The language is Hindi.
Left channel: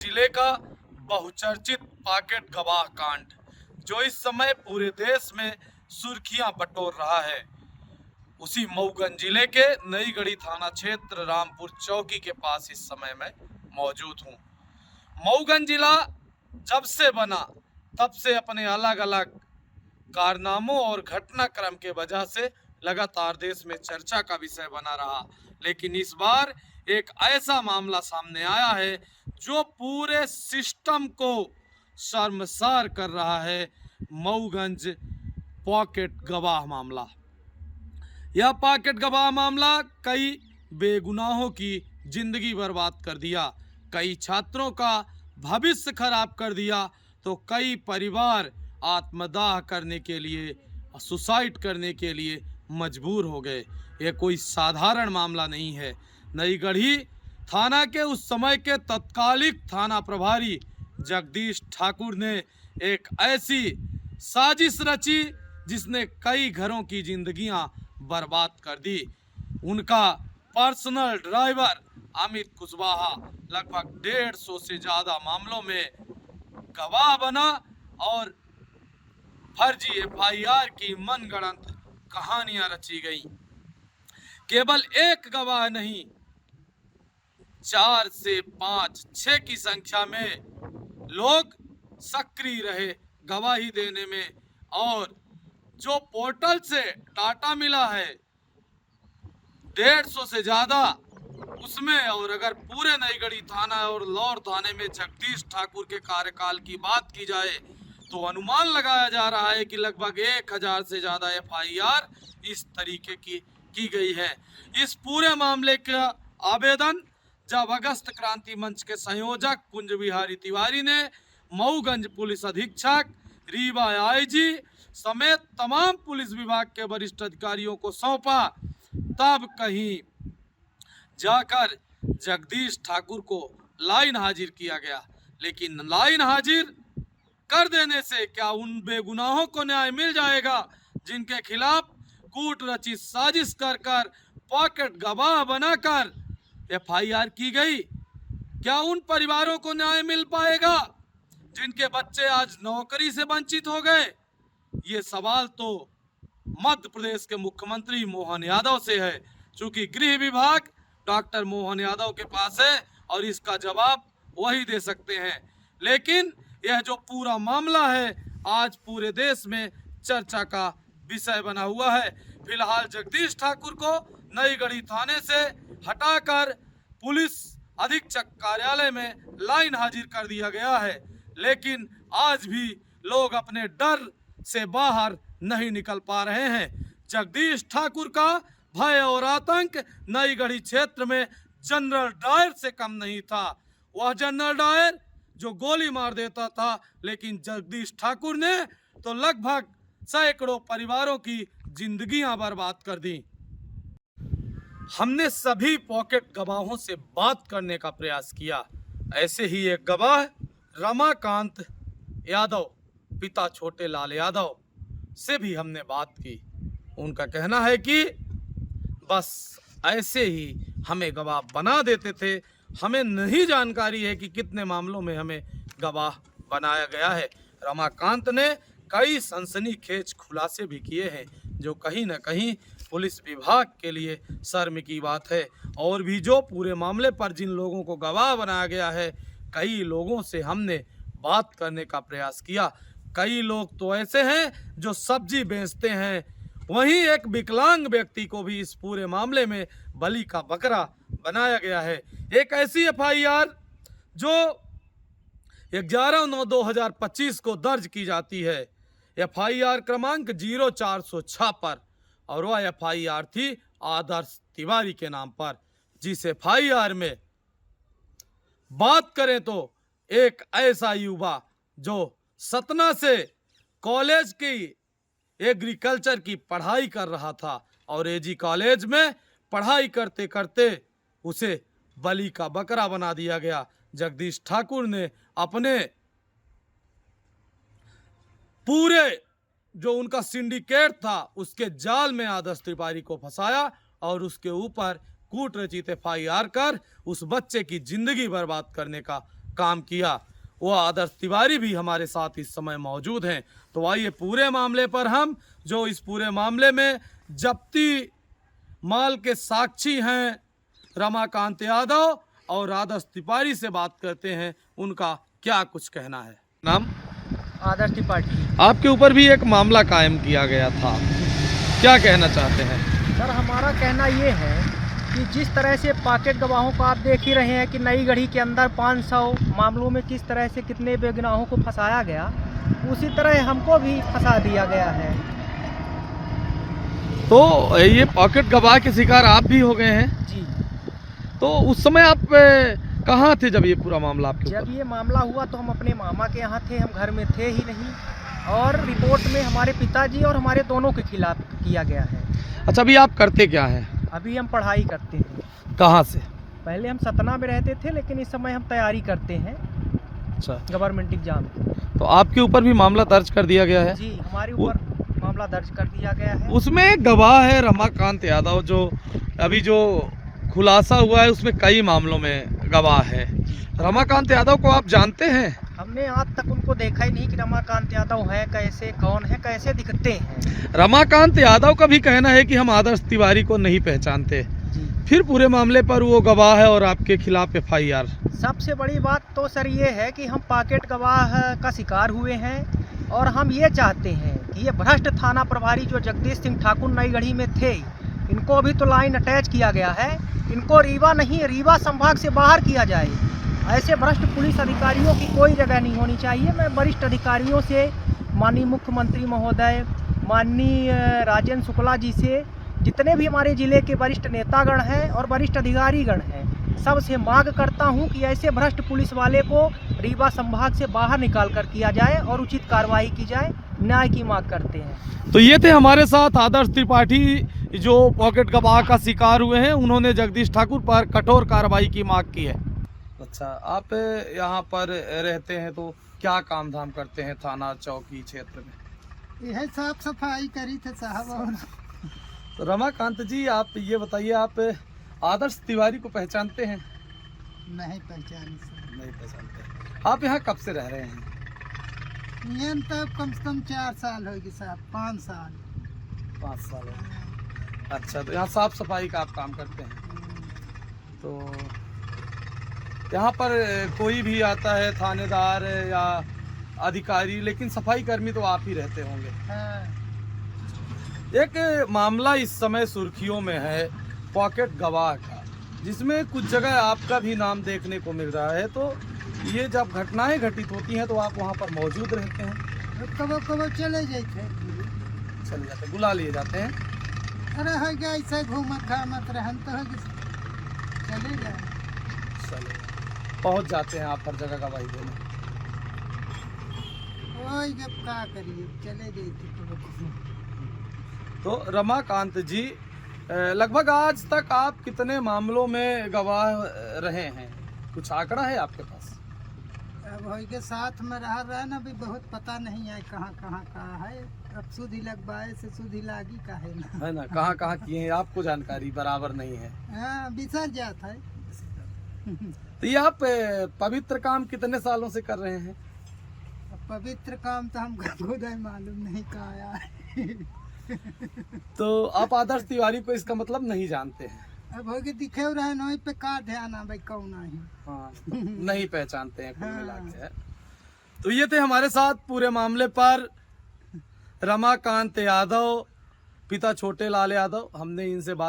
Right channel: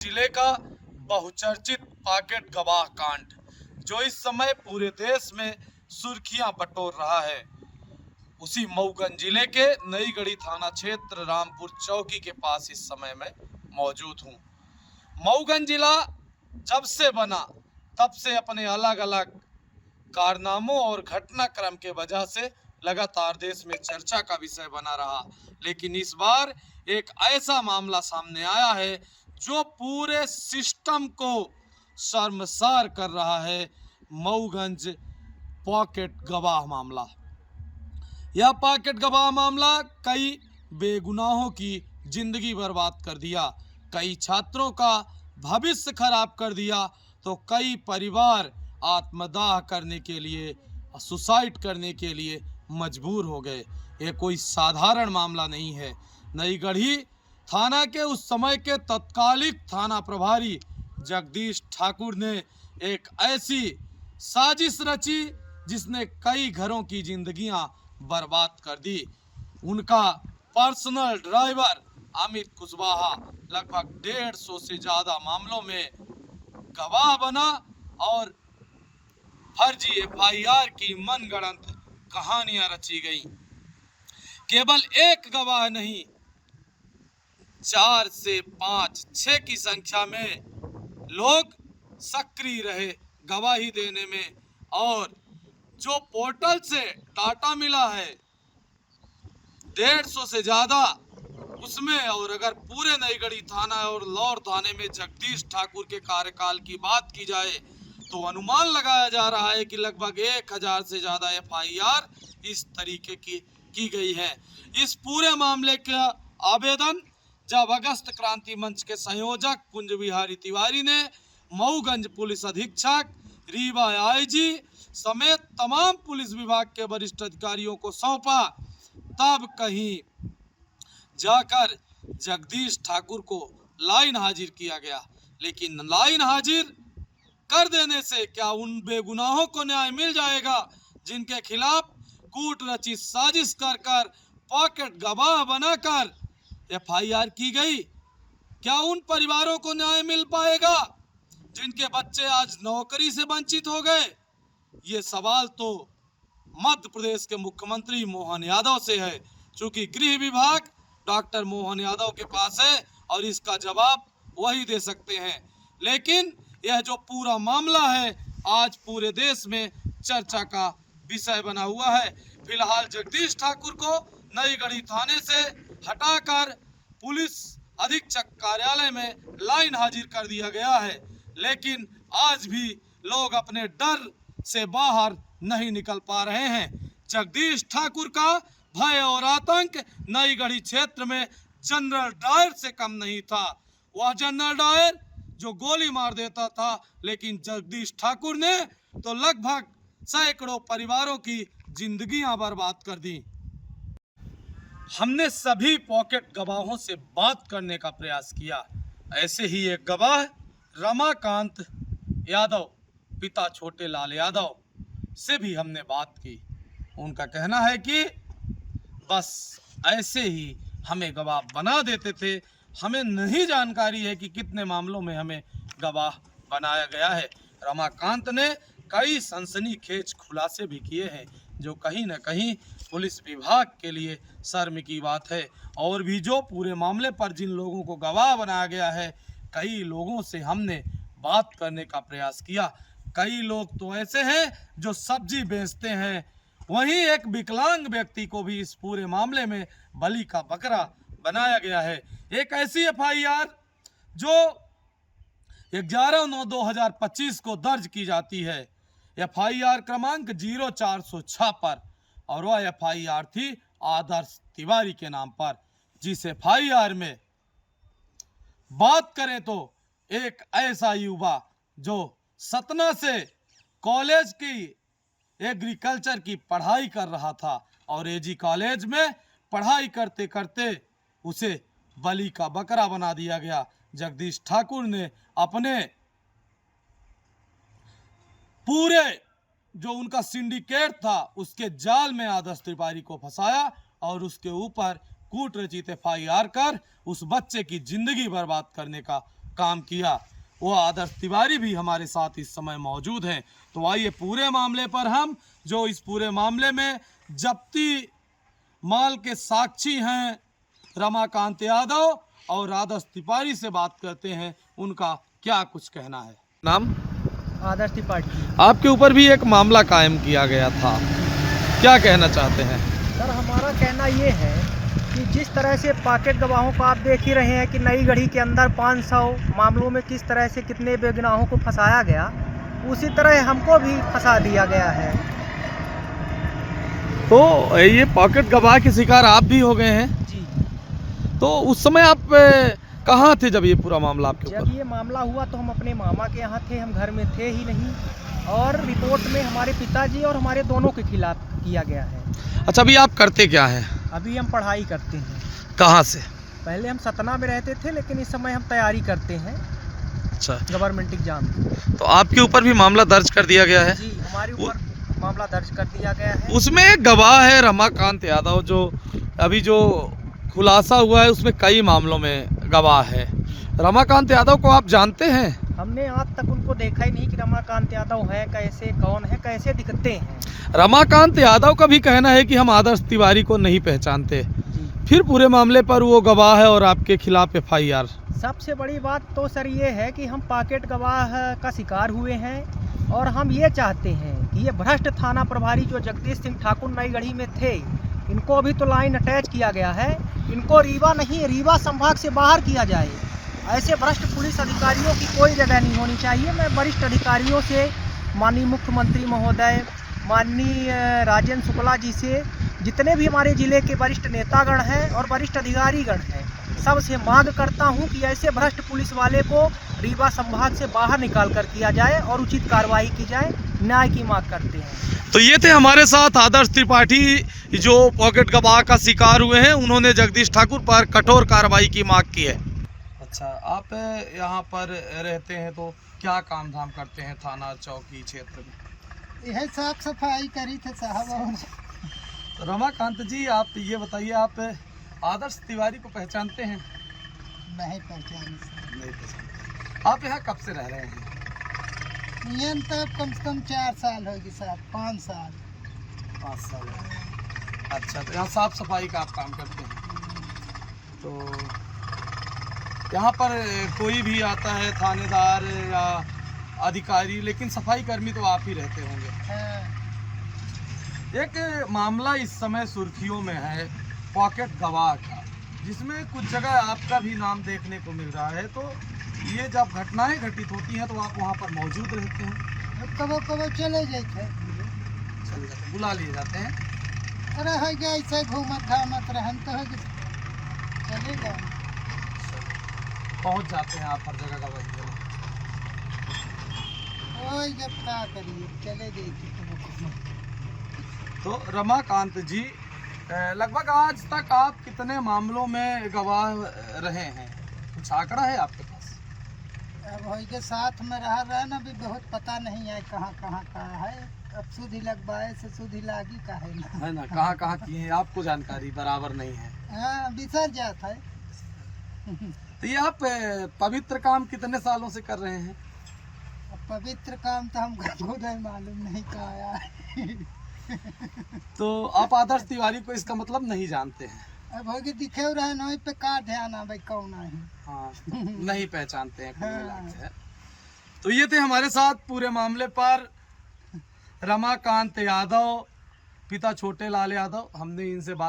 जिले का बहुचर्चित पॉकेट गवाह कांड जो इस समय पूरे देश में सुर्खियां बटोर रहा है, उसी मऊगंज जिले के नईगढ़ी थाना क्षेत्र रामपुर चौकी के पास इस समय मैं मौजूद हूं। मऊगंज जिला जब से बना तब से अपने अलग अलग कारनामों और घटनाक्रम के वजह से लगातार देश में चर्चा का विषय बना रहा, लेकिन इस बार एक ऐसा मामला सामने आया है जो पूरे सिस्टम को शर्मसार कर रहा है। मऊगंज पॉकेट गवाह मामला। यह पॉकेट गवाह मामला कई बेगुनाहों की जिंदगी बर्बाद कर दिया, कई छात्रों का भविष्य खराब कर दिया, तो कई परिवार आत्मदाह करने के लिए, सुसाइड करने के लिए मजबूर हो गए। ये कोई साधारण मामला नहीं है। नईगढ़ी थाना के उस समय के तत्कालिक थाना प्रभारी जगदीश ठाकुर ने एक ऐसी साजिश रची जिसने कई घरों की जिंदगियां बर्बाद कर दी। उनका पर्सनल ड्राइवर अमित कुशवाहा लगभग 150 से ज्यादा मामलों में गवाह बना और फर्जी एफआईआर की मनगढ़ंत कहानियां रची गई। केवल एक गवाह नहीं, 4 से 5, 6 की संख्या में लोग सक्रिय रहे गवाही देने में। और जो पोर्टल से डाटा मिला है 150 से ज्यादा, उसमें और अगर पूरे नईगढ़ी थाना और लौर थाने में जगदीश ठाकुर के कार्यकाल की बात की जाए तो अनुमान लगाया जा रहा है कि लगभग 1000 से ज्यादा एफआईआर इस तरीके की गई है। इस पूरे मामले का आवेदन जब अगस्त क्रांति मंच के संयोजक कुंज बिहारी तिवारी ने मऊगंज पुलिस अधीक्षक, रीवा आईजी समेत तमाम पुलिस विभाग के वरिष्ठ अधिकारियों को सौंपा, तब कहीं जाकर जगदीश ठाकुर को लाइन हाजिर किया गया। लेकिन लाइन हाजिर कर देने से क्या उन बेगुनाहों को न्याय मिल जाएगा जिनके खिलाफ कूट रची साजिश कर पॉकेट गवाह बनाकर एफआईआर की गई? क्या उन परिवारों को न्याय मिल पाएगा जिनके बच्चे आज नौकरी से वंचित हो गए? ये सवाल तो मध्य प्रदेश के मुख्यमंत्री मोहन यादव से है, क्योंकि गृह विभाग डॉक्टर मोहन यादव के पास है और इसका जवाब वही दे सकते हैं। लेकिन यह जो पूरा मामला है आज पूरे देश में चर्चा का विषय बना हुआ है। फिलहाल जगदीश ठाकुर को नईगढ़ी थाने से हटाकर पुलिस अधीक्षक कार्यालय में लाइन हाजिर कर दिया गया है, लेकिन आज भी लोग अपने डर से बाहर नहीं निकल पा रहे हैं। जगदीश ठाकुर का भय और आतंक नईगढ़ी क्षेत्र में जनरल डायर से कम नहीं था। वह जनरल डायर जो गोली मार देता था, लेकिन जगदीश ठाकुर ने तो लगभग सैकड़ों परिवारों की जिंदगियां बर्बाद कर दी। हमने सभी पॉकेट गवाहों से बात करने का प्रयास किया। ऐसे ही एक गवाह रमाकांत यादव, पिता छोटे लाल यादव, से भी हमने बात की। उनका कहना है कि बस ऐसे ही हमें गवाह बना देते थे, हमें नहीं जानकारी है कि कितने मामलों में हमें गवाह बनाया गया है। रमाकांत ने कई सनसनीखेज खुलासे भी किए हैं जो कहीं न कहीं पुलिस विभाग के लिए शर्म की बात है। और भी जो पूरे मामले पर जिन लोगों को गवाह बनाया गया है, कई लोगों से हमने बात करने का प्रयास किया। कई लोग तो ऐसे हैं जो सब्जी बेचते हैं। वहीं एक विकलांग व्यक्ति को भी इस पूरे मामले में बलि का बकरा बनाया गया है। एक ऐसी एफआईआर जो 11/9/2025 को दर्ज की जाती है, एफआईआर क्रमांक 0406 पर, और वह एफआईआर थी आदर्श तिवारी के नाम पर। जिस एफआईआर में बात करें तो एक ऐसा युवा जो सतना से कॉलेज की एग्रीकल्चर की पढ़ाई कर रहा था और एजी कॉलेज में पढ़ाई करते करते उसे बलि का बकरा बना दिया गया। जगदीश ठाकुर ने अपने पूरे जो उनका सिंडिकेट था उसके जाल में आदर्श तिवारी को फंसाया और उसके ऊपर कूट रचित एफआईआर कर उस बच्चे की जिंदगी बर्बाद करने का काम किया, वो आदर्श तिवारी भी हमारे साथ इस समय मौजूद हैं। तो आइए पूरे मामले पर हम जो इस पूरे मामले में जब्ती माल के साक्षी हैं रमाकांत यादव और आदर्श तिवारी से बात करते हैं, उनका क्या कुछ कहना है। नाम? आदर्श त्रिपाठी। आपके ऊपर भी एक मामला कायम किया गया था, क्या कहना चाहते हैं? सर हमारा कहना ये है कि जिस तरह से पॉकेट गवाहों को आप देख ही रहे हैं कि नई गढ़ी के अंदर 500 मामलों में किस तरह से कितने बेगुनाहों को फंसाया गया, उसी तरह हमको भी फंसा दिया गया है। तो ये पॉकेट गवाह के शिकार आप भी हो गए हैं जी। तो उस समय आप कहाँ थे जब ये पूरा मामला आपके जब ऊपर? ये मामला हुआ तो हम अपने मामा के यहाँ थे, हम घर में थे ही नहीं, और रिपोर्ट में हमारे पिताजी और हमारे दोनों के खिलाफ किया गया है। अच्छा, अभी आप करते क्या हैं? अभी हम पढ़ाई करते हैं। कहाँ से? पहले हम सतना में रहते थे, लेकिन इस समय हम तैयारी करते हैं अच्छा, गवर्नमेंट एग्जाम की। तो आपके ऊपर भी मामला दर्ज कर दिया गया है? जी, हमारे ऊपर मामला दर्ज कर दिया गया है। उसमें एक गवाह है रमाकांत यादव, जो अभी जो खुलासा हुआ है उसमें कई मामलों में गवाह है। रमाकांत यादव को आप जानते हैं? हमने आज तक उनको देखा ही नहीं कि रमाकांत यादव है, कैसे, कौन है, कैसे दिखते हैं। रमाकांत यादव का भी कहना है कि हम आदर्श तिवारी को नहीं पहचानते, जी। फिर पूरे मामले पर वो गवाह है और आपके खिलाफ FIR। सबसे बड़ी बात तो सर ये है कि हम पॉकेट गवाह का शिकार हुए हैं, और हम ये चाहते हैं कि ये भ्रष्ट थाना प्रभारी जो जगदीश सिंह ठाकुर नई गढ़ी में थे, इनको अभी तो लाइन अटैच किया गया है, इनको रीवा नहीं रीवा संभाग से बाहर किया जाए। ऐसे भ्रष्ट पुलिस अधिकारियों की कोई जगह नहीं होनी चाहिए। मैं वरिष्ठ अधिकारियों से, माननीय मुख्यमंत्री महोदय, माननीय राजेंद्र शुक्ला जी से, जितने भी हमारे जिले के वरिष्ठ नेतागण हैं और वरिष्ठ अधिकारीगण हैं, सबसे मांग करता हूं कि ऐसे भ्रष्ट पुलिस वाले को रीवा संभाग से बाहर निकाल कर किया जाए और उचित कार्रवाई की जाए। न्याय की मांग करते हैं। तो ये थे हमारे साथ आदर्श त्रिपाठी जो पॉकेट गवाह का शिकार हुए हैं, उन्होंने जगदीश ठाकुर पर कठोर कार्रवाई की मांग की है। अच्छा, आप यहाँ पर रहते हैं तो क्या काम धाम करते हैं थाना चौकी क्षेत्र में? यह साफ सफाई करी थे साहब। और तो रमाकांत जी, आप ये बताइए, आप आदर्श तिवारी को पहचानते हैं? नहीं पहचानी सर। नहीं पहचानते। आप यहाँ कब से रह रहे हैं? ये तो कम से कम 4 साल होगी साहब, 5 साल। 5 साल है। अच्छा, तो यहाँ साफ सफाई का आप काम करते हैं? तो यहाँ पर कोई भी आता है थानेदार या अधिकारी, लेकिन सफाई कर्मी तो आप ही रहते होंगे। हाँ। एक मामला इस समय सुर्खियों में है पॉकेट गवाह का, जिसमें कुछ जगह आपका भी नाम देखने को मिल रहा है। तो ये जब घटनाएं घटित होती हैं तो आप वहाँ पर मौजूद रहते हैं? कब कब चले जाते, चले जाते, बुला लिए जाते हैं। अरे है क्या ऐसे घूमत घामत रहन तो है कि चले जाए। पहुँच जाते हैं आप हर जगह गवाही देने? ओए जब क्या करिए, चले जाते कब कब। तो रमाकांत जी, लगभग आज तक आप कितने मामलों में गवाह रहे हैं, कुछ आंकड़ा है आपके पास? अब भाई के साथ में रहा ना, भी बहुत पता नहीं है कहाँ कहाँ का है। अब सुधी लगवाए से सुधी लागी का है ना, कहाँ कहाँ किए हैं आपको जानकारी बराबर नहीं है। हाँ, बिसर जाता है। तो ये आप पवित्र काम कितने सालों से कर रहे हैं? अब पवित्र काम तो हम खुद है मालूम नहीं कहाँ है। तो आप आदर्श तिवारी को इसका मतलब नहीं जानते हैं? अब होगी दिखे रहे ना, पे का ध्यान है भाई, कौन है। हाँ, नहीं पहचानते हैं कुल हाँ। मिला के। तो ये थे हमारे साथ पूरे मामले पर रमाकांत यादव, पिता छोटे लाल यादव। हमने इनसे बात